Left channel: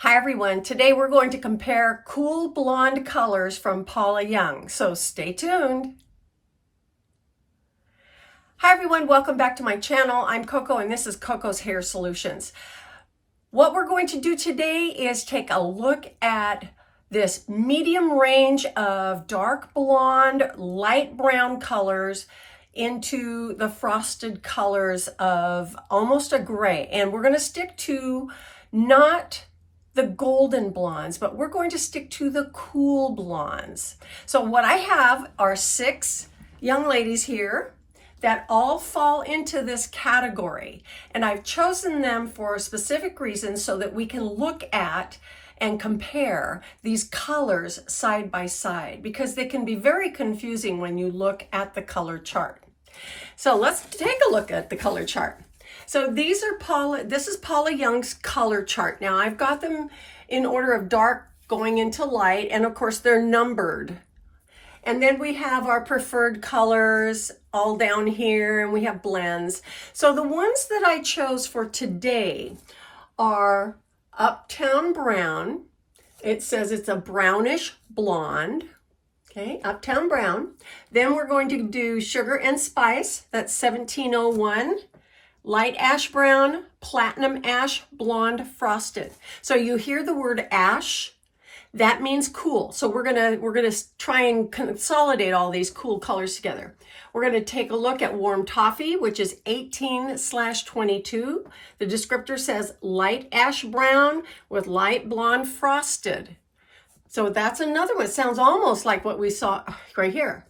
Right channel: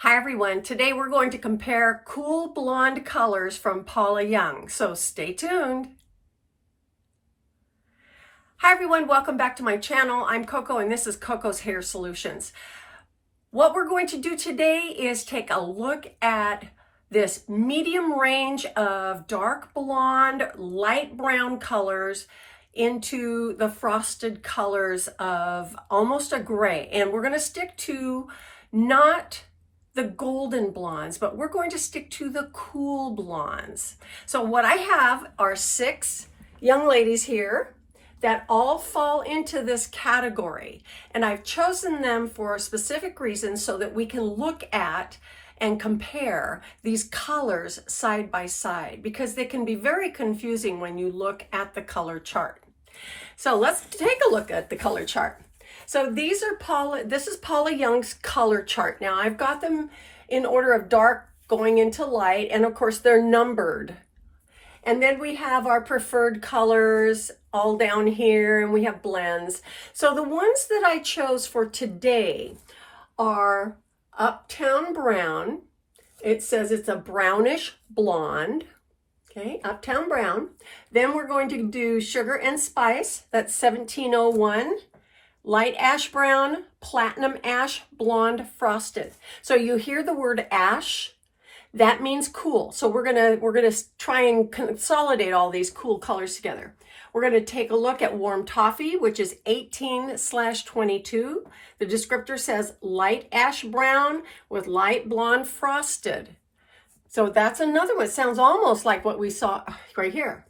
Hi everyone, today we're going to compare cool blonde colors from Paula Young, so stay tuned. Hi everyone, welcome back to my channel. I'm Coco and this is Coco's Hair Solutions. What we're going to do today is take a look at this medium range of dark blonde, light brown colors into the frosted colors of almost a gray. And we're going to stick to not the golden blondes, but we're going to stick to the cool blondes. So what I have are 6 young ladies here that all fall into this category. And I've chosen them for a specific reason so that we can look at and compare these colors side by side, because they can be very confusing when you look at the color chart. So let's take a look at the color chart. So this is Paula Young's color chart. Now I've got them in order of dark going into light, and of course they're numbered. And then we have our preferred colors all down here, and we have blends. So the ones that I chose for today are Uptown Brown. It says it's a brownish blonde. Okay, Uptown Brown. Then we're going to do Sugar and Spice. That's 1701. Light ash brown, platinum ash, blonde frosted. So you hear the word ash, that means cool. So we're gonna try and consolidate all these cool colors together. We're gonna take a look at warm toffee, which is 18/22. The descriptor says light ash brown with light blonde frosted. So that's another one. It sounds almost like what we saw right here.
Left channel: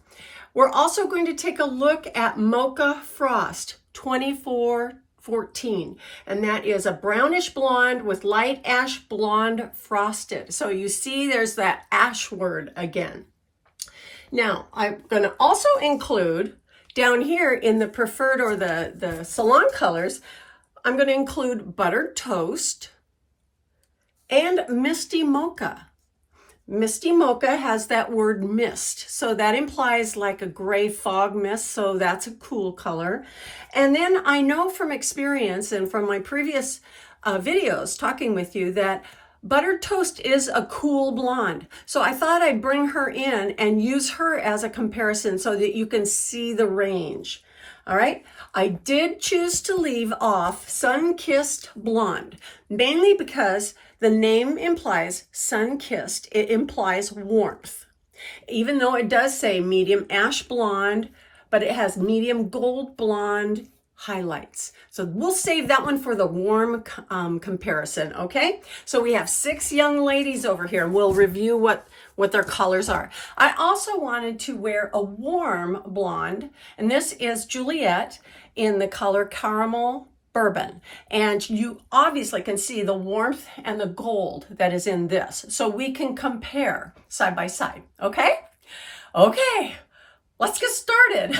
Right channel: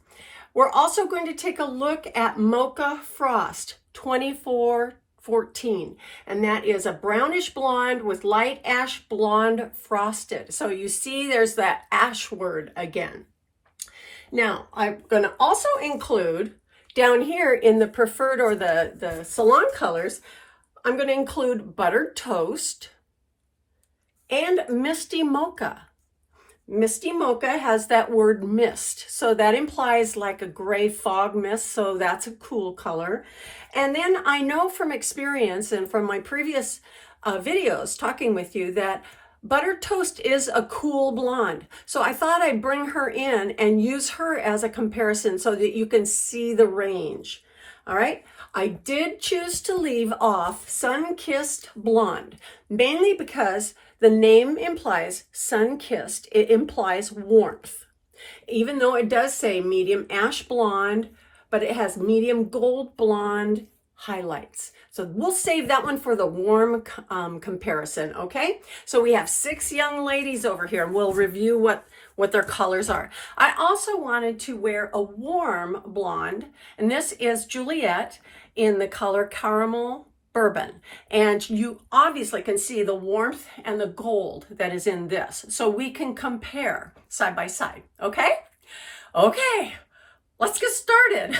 We're also going to take a look at Mocha Frost 2414, and that is a brownish blonde with light ash blonde frosted. So you see there's that ash word again. Now I'm going to also include down here in the preferred or the salon colors, I'm going to include Buttered Toast and Misty Mocha. Misty Mocha has that word mist, so that implies like a gray fog mist, so that's a cool color. And then I know from experience and from my previous videos talking with you that Buttered Toast is a cool blonde. So I thought I'd bring her in and use her as a comparison so that you can see the range. All right, I did choose to leave off Sun-Kissed Blonde, mainly because the name implies sun-kissed. It implies warmth. Even though it does say medium ash blonde, but it has medium gold blonde highlights. So we'll save that one for the warm comparison, okay? So we have 6 young ladies over here, and we'll review what their colors are. I also wanted to wear a warm blonde, and this is Juliette in the color Caramel Bourbon. And you obviously can see the warmth and the gold that is in this. So we can compare side by side, okay? Okay, let's get started.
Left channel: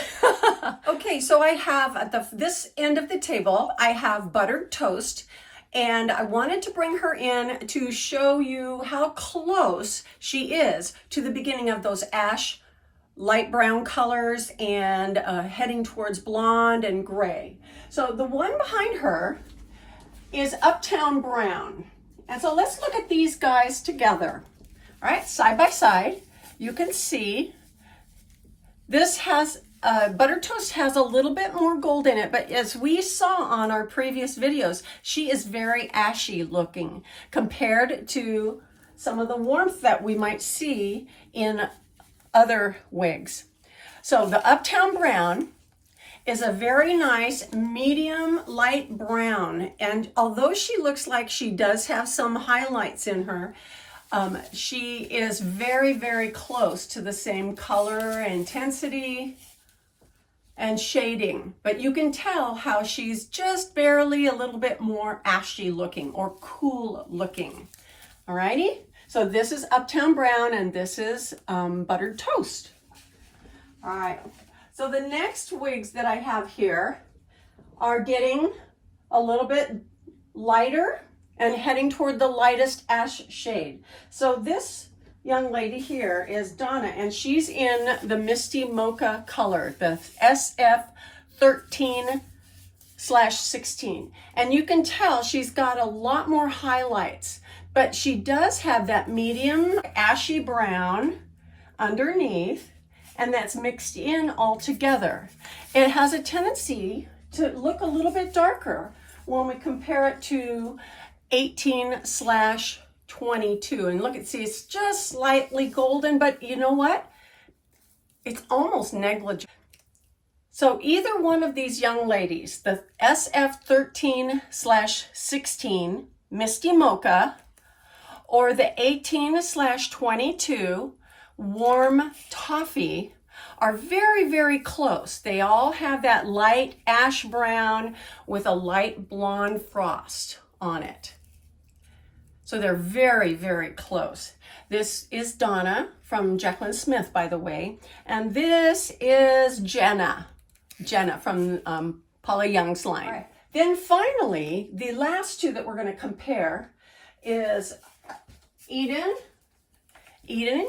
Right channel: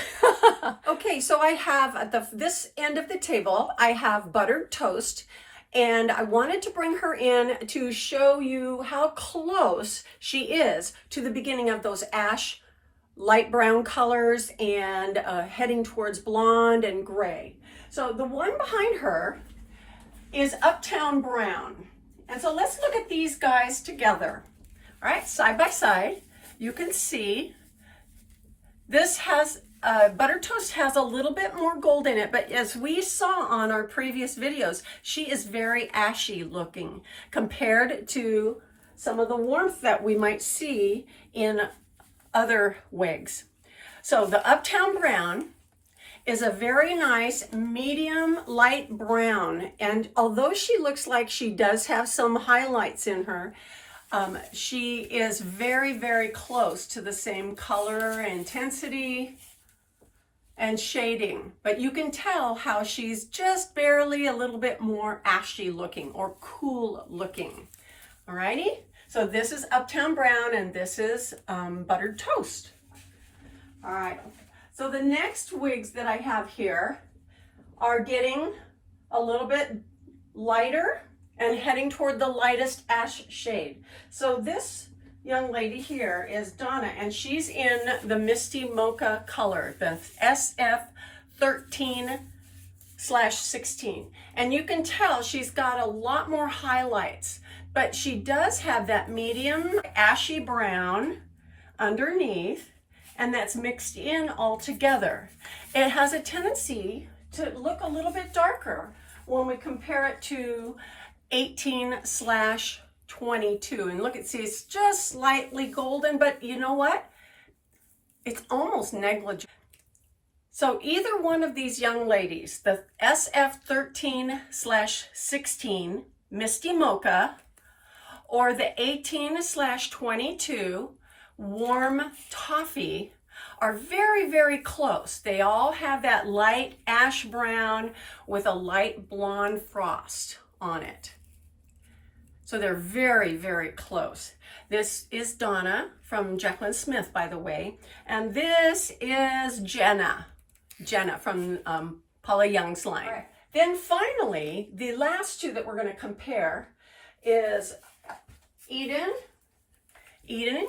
Okay, so I have at this end of the table, I have Buttered Toast. And I wanted to bring her in to show you how close she is to the beginning of those ash light brown colors and heading towards blonde and gray. So the one behind her is Uptown Brown. And so let's look at these guys together. All right, side by side, you can see this has Buttered Toast has a little bit more gold in it, but as we saw on our previous videos, she is very ashy looking compared to some of the warmth that we might see in other wigs. So the Uptown Brown is a very nice medium light brown, and although she looks like she does have some highlights in her, she is very, very close to the same color, intensity, and shading, but you can tell how she's just barely a little bit more ashy looking or cool looking. Alrighty, so this is Uptown Brown and this is Buttered Toast. All right, so the next wigs that I have here are getting a little bit lighter and heading toward the lightest ash shade. So this young lady here is Donna, and she's in the Misty Mocha color, the SF13/16. And you can tell she's got a lot more highlights, but she does have that medium ashy brown underneath, and that's mixed in all together. It has a tendency to look a little bit darker when we compare it to 18/22. And look, see, it's just slightly golden, but you know what? It's almost negligible. So either one of these young ladies, the SF 13/16 Misty Mocha or the 18/22 Warm Toffee, are very, very close. They all have that light ash brown with a light blonde frost on it. So they're very, very close. This is Donna from Jacqueline Smith, by the way. And this is Jenna from Paula Young's line. Right. Then finally, the last two that we're going to compare is Eden in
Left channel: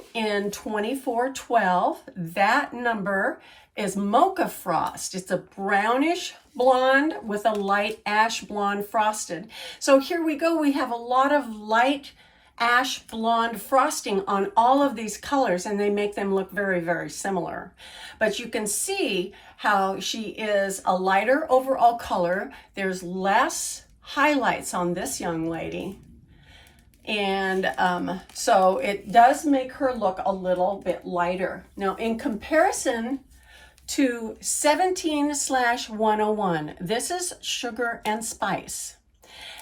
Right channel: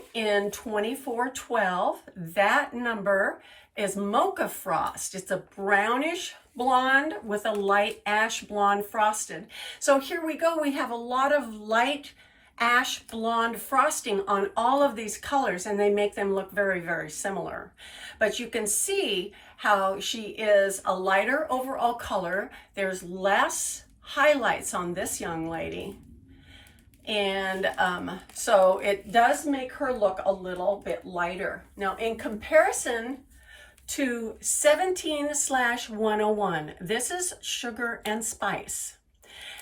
2412. That number is Mocha Frost. It's a brownish blonde with a light ash blonde frosted. So here we go. We have a lot of light ash blonde frosting on all of these colors, and they make them look very, very similar. But you can see how she is a lighter overall color. There's less highlights on this young lady. And so it does make her look a little bit lighter. Now, in comparison to 17/101, this is Sugar and Spice.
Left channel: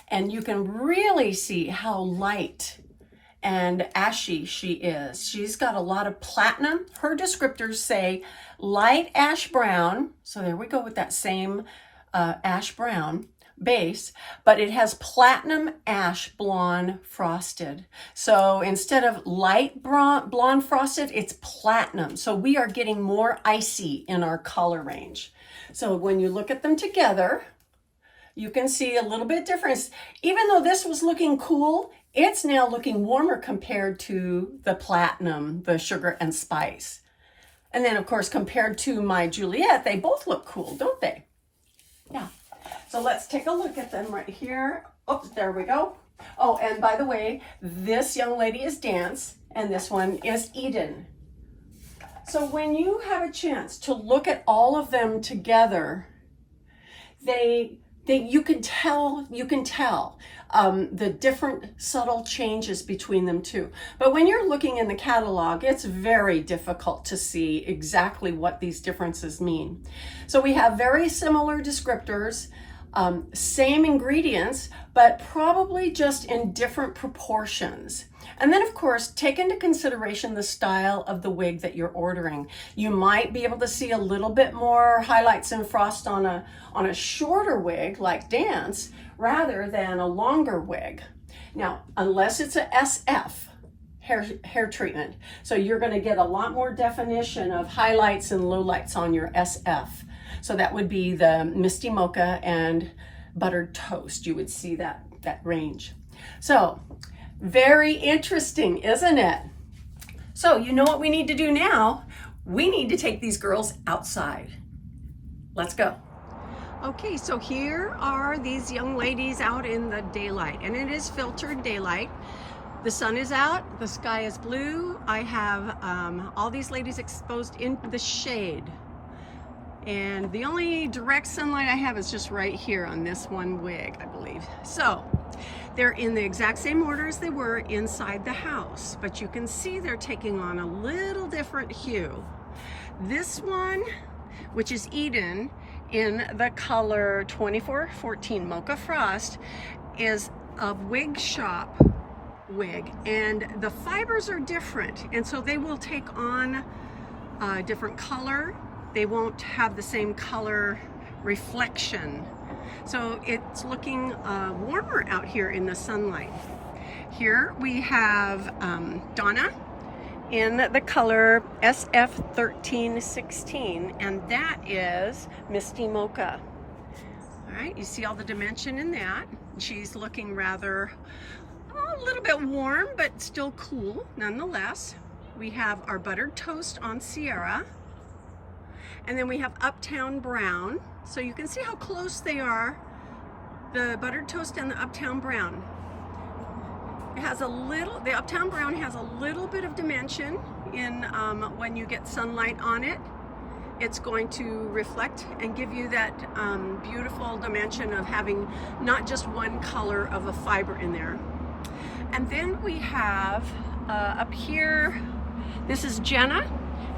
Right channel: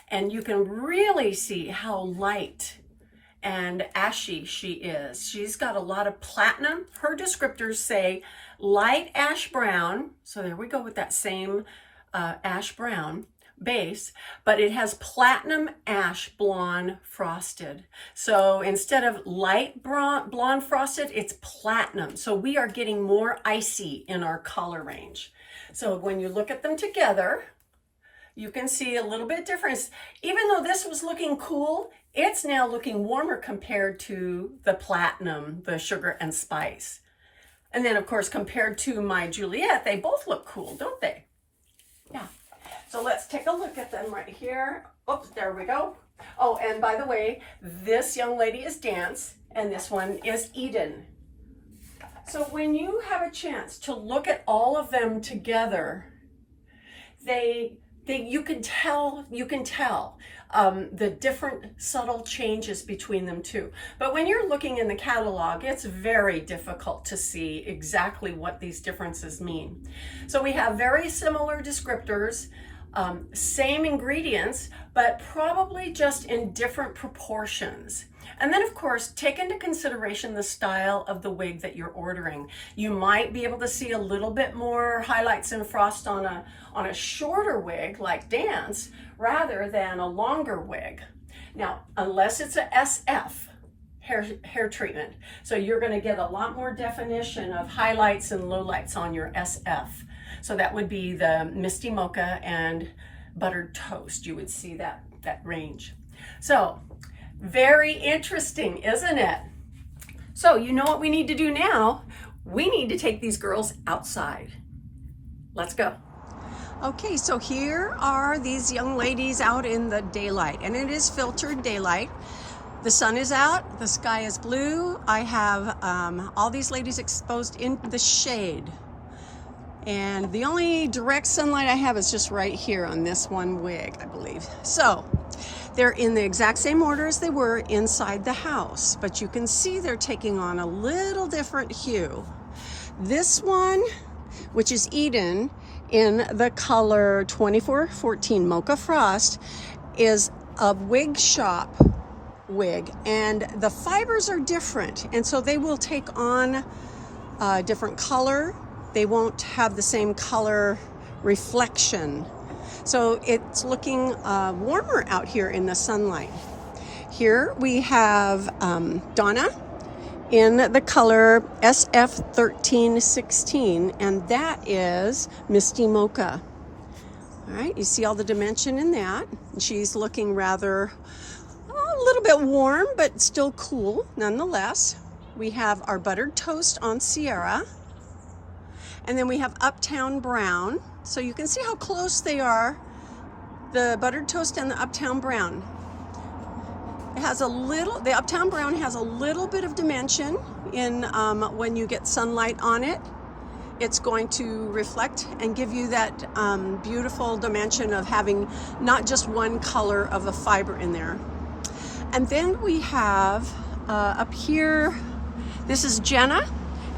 And you can really see how light and ashy she is. She's got a lot of platinum. Her descriptors say light ash brown. So there we go with that same ash brown base, but it has platinum ash blonde frosted. So instead of light blonde frosted, it's platinum. So we are getting more icy in our color range. So when you look at them together, you can see a little bit difference. Even though this was looking cool, it's now looking warmer compared to the platinum, the Sugar and Spice. And then of course, compared to my Juliette, they both look cool, don't they? Yeah. So let's take a look at them right here. Oops, there we go. Oh, and by the way, this young lady is Dance, and this one is Eden. So when you have a chance to look at all of them together, you can tell the different subtle changes between them too. But when you're looking in the catalog, it's very difficult to see exactly what these differences mean. So we have very similar descriptors, same ingredients, but probably just in different proportions. And then of course, take into consideration the style of the wig that you're ordering. You might be able to see a little bit more highlights and frost on a shorter wig like Dance rather than a longer wig. Now, unless it's a SF hair treatment, so you're going to get a lot more definition of highlights and lowlights on your SF. So that would be the Misty Mocha and Buttered Toast. You would see that range. So very interesting, isn't it? So you know what we need to do now? We need to take these girls outside. Let's go. Okay, so here are these young ladies out in the daylight, and it is filtered daylight. The sun is out, the sky is blue. I have all these ladies exposed in the shade. And the only direct sunlight I have is just right here on this one wig, I believe. So they're in the exact same order as they were inside the house, but you can see they're taking on a little different hue. This one, which is Eden, in the color 2414 Mocha Frost, is a wig shop wig, and the fibers are different, and so they will take on a different color. They won't have the same color reflection. So it's looking warmer out here in the sunlight. Here we have Donna in the color SF 1316, and that is Misty Mocha. All right, you see all the dimension in that. She's looking rather a little bit warm, but still cool nonetheless. We have our Buttered Toast on Sierra. And then we have Uptown Brown. So you can see how close they are, the Buttered Toast and the Uptown Brown. It has a little, the Uptown Brown has a little bit of dimension in when you get sunlight on it. It's going to reflect and give you that beautiful dimension of having not just one color of a fiber in there. And then we have up here, this is Jenna,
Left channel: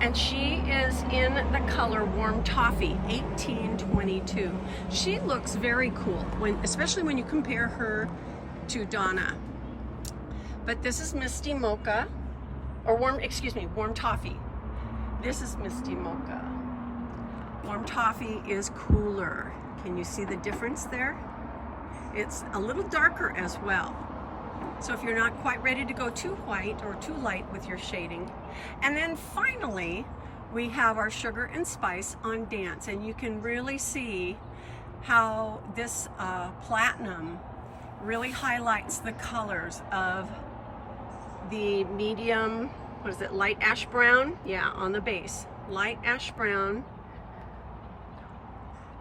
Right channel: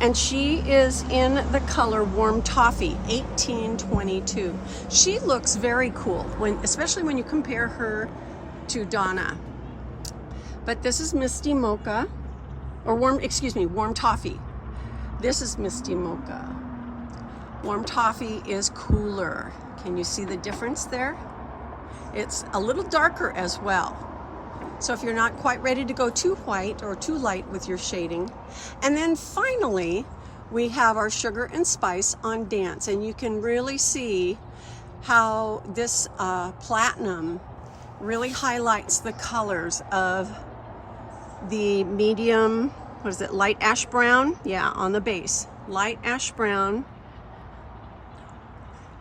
and she is in the color Warm Toffee, 1822. She looks very cool, especially when you compare her to Donna. But this is Misty Mocha, or Warm Toffee. This is Misty Mocha. Warm Toffee is cooler. Can you see the difference there? It's a little darker as well. So if you're not quite ready to go too white or too light with your shading. And then finally, we have our Sugar and Spice on Dance. And you can really see how this platinum really highlights the colors of the medium, what is it, light ash brown? Yeah, on the base, light ash brown.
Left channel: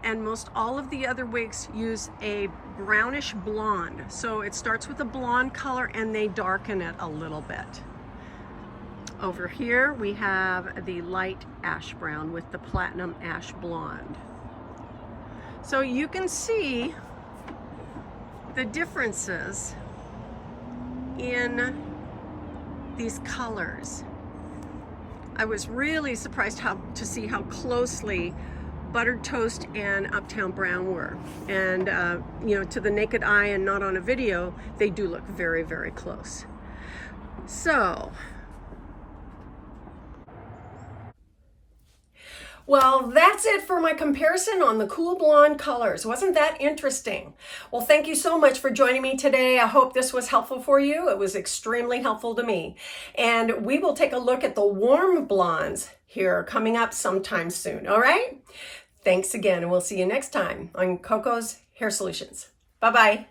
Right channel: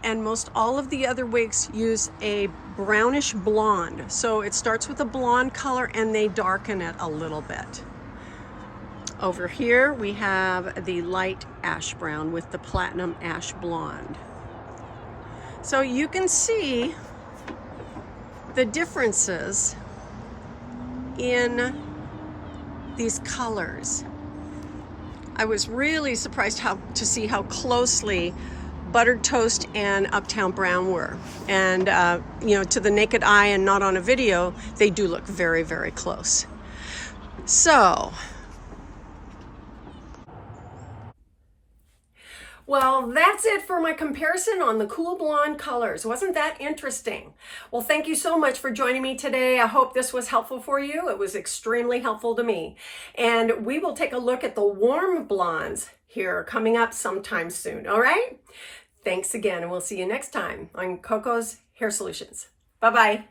And most all of the other wigs use a brownish blonde. So it starts with a blonde color and they darken it a little bit. Over here we have the light ash brown with the platinum ash blonde. So you can see the differences in these colors. I was really surprised to see how closely Buttered Toast and Uptown Brown were. And you know, to the naked eye and not on a video, they do look very, very close. So, well, that's it for my comparison on the cool blonde colors. Wasn't that interesting? Well, thank you so much for joining me today. I hope this was helpful for you. It was extremely helpful to me. And we will take a look at the warm blondes here coming up sometime soon. All right? Thanks again, and we'll see you next time on Coco's Hair Solutions. Bye-bye.